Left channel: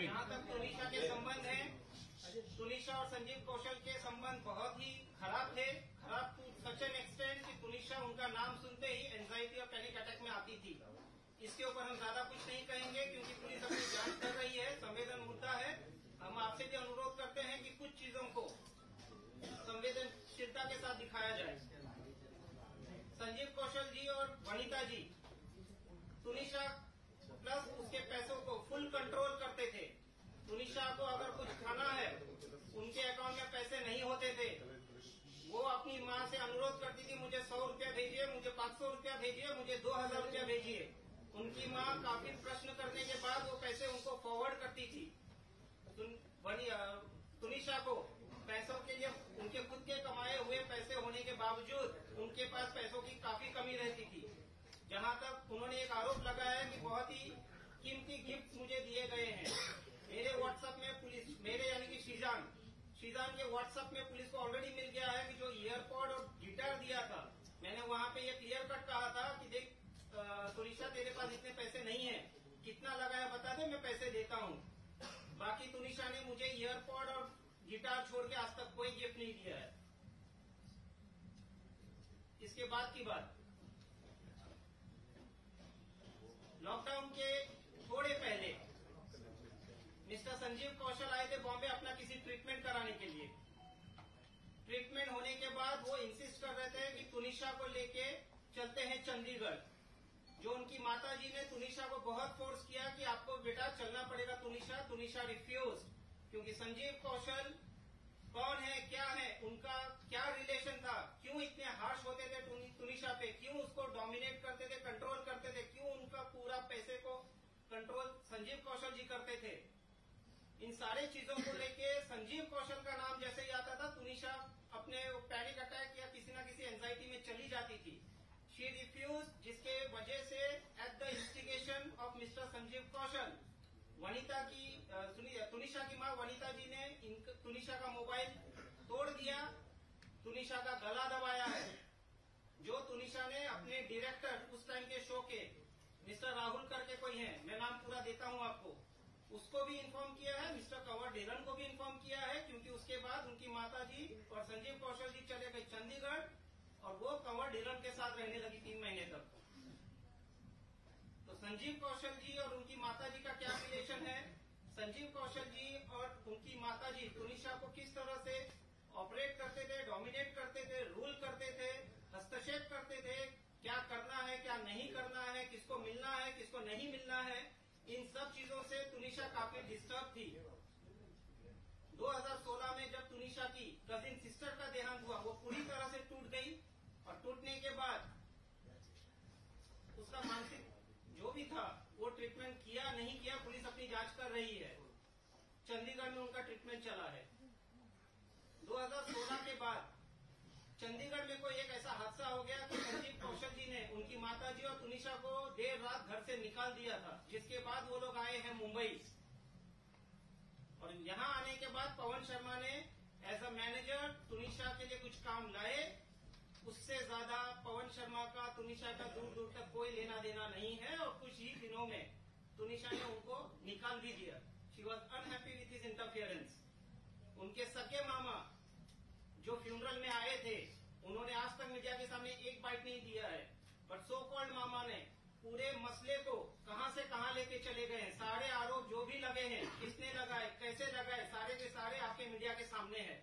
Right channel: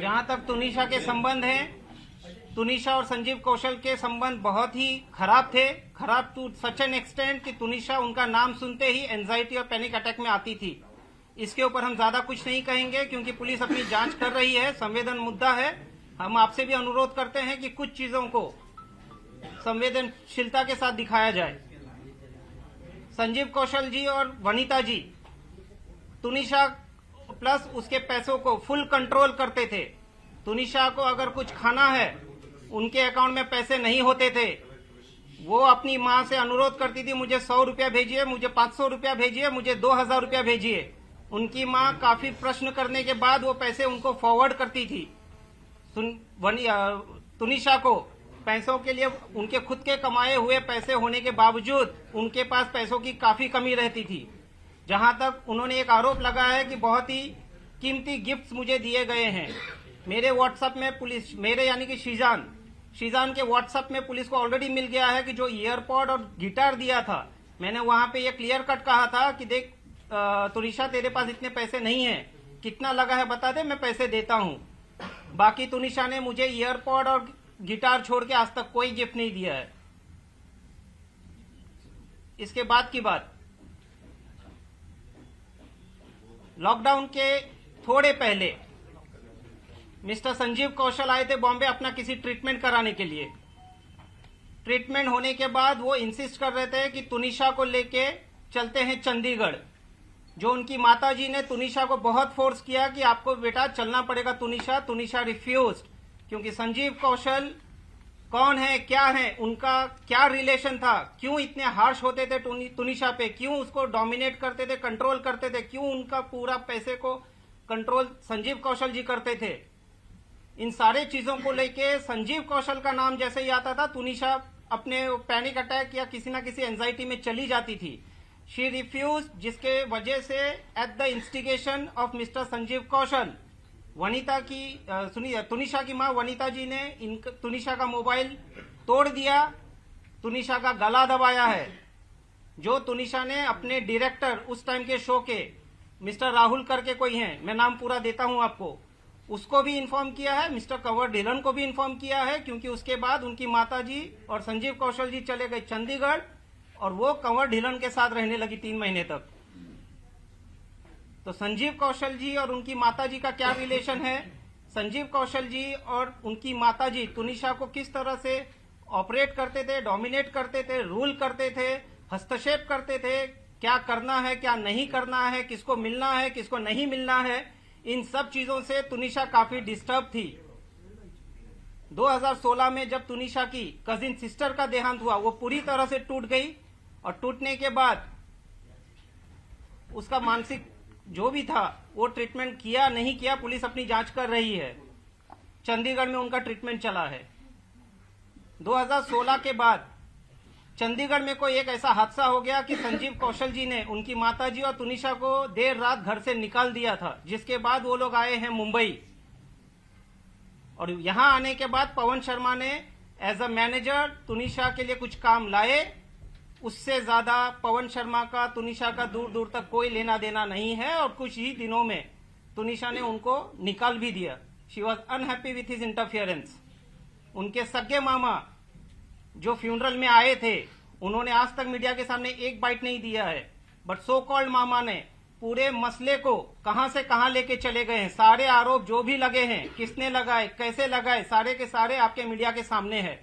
जहां तक तुनिशा के संबंध हैं, तुनिशा और संजीव कौशल के संबंध बहुत ही खराब थे, खराब टू सच एन एक्सटेंट कि तुनिशा उनका नाम सुनते ही एंजाइटी और पैनिक अटैक में आती थी। इसके ऊपर हम ज्यादा कुछ नहीं कहेंगे क्योंकि पुलिस अपनी जांच कर रही है, संवेदन मुद्दा है। हम आपसे भी अनुरोध करते हैं कि कुछ चीजों को संवेदनशीलता के साथ दिखाया जाए। संजीव कौशल जी और वनिता जी तुनिशा प्लस उसके पैसों को फुल कंट्रोल करते थे। तुनिशा को अगर कुछ खाना है, उनके अकाउंट में पैसे नहीं होते थे, वो अपनी माँ से अनुरोध करती थी, मुझे 100 रुपया भेजिए, मुझे 500 रुपया भेजिए, मुझे 2000 रुपया भेजिए। उनकी माँ काफी प्रश्न करने के बाद वो पैसे उनको फॉरवर्ड करती थी। तुनिशा को पैसों के लिए उनके खुद के कमाए हुए पैसे होने के बावजूद उनके पास पैसों की काफी कमी रहती थी। जहां तक उन्होंने एक आरोप लगाया है कि बहुत ही कीमती गिफ्ट्स मुझे दिए गए हैं। मेरे व्हाट्सएप में पुलिस, मेरे यानी कि शीजान के व्हाट्सएप में पुलिस को ऑलरेडी मिल गया है कि जो ईयरपॉड और गिटार दिया था, मैंने वहां पे ये क्लियर कट कहा था कि देख तुनिशा तेरे पास इतने पैसे नहीं है, कितना लगा है बता दे, मैं पैसे देता हूं। बाकी तुनिशा ने मुझे ईयरपॉड और गिटार छोड़ के आज तक कोई गिफ्ट नहीं दिया है। इसके बाद की बात, लॉकडाउन के थोड़े पहले मिस्टर संजीव कौशल आए थे बॉम्बे अपना किसी ट्रीटमेंट कराने के लिए। ट्रीटमेंट होने के बाद वो इंसिस्ट कर रहे थे कि तुनिशा को लेके चलते हैं चंडीगढ़। जो उनकी माताजी ने तुनिशा को बहुत फोर्स किया कि आपको बेटा चलना पड़ेगा तुनिशा। तुनिशा रिफ्यूज्ड, क्योंकि संजीव कौशल कौन है, क्या है, उनका क्या रिलेशन था, क्यों इतने हार्श होते थे तुनिशा पे, क्यों उसको डोमिनेट करते थे, कंट्रोल करते थे, क्यों उनका पूरा पैसे को कंट्रोल संजीव कौशल जी करते थे। इन सारे चीजों को लेके संजीव कौशल का नाम जैसे ही आता था, तुनिशा अपने पैनिक अटैक या किसी ना किसी एंजाइटी में चली जाती थी। शी रिफ्यूज, जिसके वजह से at the instigation of mister Sanjeev Kaushal, Vanita की तुनिशा की मां वनिता जी ने तुनिशा का मोबाइल तोड़ दिया, तुनिशा का गला दबाया है। जो तुनिशा ने अपने डायरेक्टर उस टाइम के शो के मिस्टर राहुल करके कोई हैं, मैं नाम पूरा देता हूं आपको, उसको भी इन्फॉर्म किया है, मिस्टर कंवर ढिलन को भी इन्फॉर्म किया है, क्योंकि उसके बाद उनकी माताजी और संजीव कौशल जी चले गए चंडीगढ़ और वो कंवर ढिलन के साथ रहने लगी 3 महीने तक। तो संजीव कौशल जी और उनकी माताजी का क्या रिलेशन है, संजीव कौशल जी और उनकी माताजी तुनिशा को किस तरह से ऑपरेट करते थे, डोमिनेट करते थे, रूल करते थे, हस्तक्षेप करते थे, क्या करना है क्या नहीं करना है, किसको मिलना है किसको नहीं मिलना है, इन सब चीजों से तुनिशा काफी डिस्टर्ब थी। 2016 में जब तुनिशा की कजिन सिस्टर का देहांत हुआ, वो पूरी तरह से टूट गई और टूटने के बाद उसका मानसिक जो भी था वो ट्रीटमेंट किया नहीं किया, पुलिस अपनी जांच कर रही है। चंडीगढ़ में उनका ट्रीटमेंट चला है। 2016 के बाद चंडीगढ़ में कोई एक ऐसा हादसा हो गया कि संजीव कौशल जी ने उनकी माताजी और तुनिशा को देर रात घर से निकाल दिया था, जिसके बाद वो लोग आए हैं मुंबई। और यहां आने के बाद पवन शर्मा ने एज अ मैनेजर तुनिशा के लिए कुछ काम लाए। उससे ज्यादा पवन शर्मा का तुनिशा का दूर दूर तक कोई लेना देना नहीं है और कुछ ही दिनों में तुनिशा ने उनको निकाल भी दिया। She was unhappy with his interference. उनके सगे मामा जो फ्यूनरल में आए थे, उन्होंने आज तक मीडिया के सामने एक बाइट नहीं दिया है, बट सो कॉल्ड मामा ने पूरे मसले को कहां से कहां लेके चले गए हैं। सारे आरोप जो भी लगे हैं, किसने लगाए, कैसे लगाए, सारे के सारे आपके मीडिया के सामने है।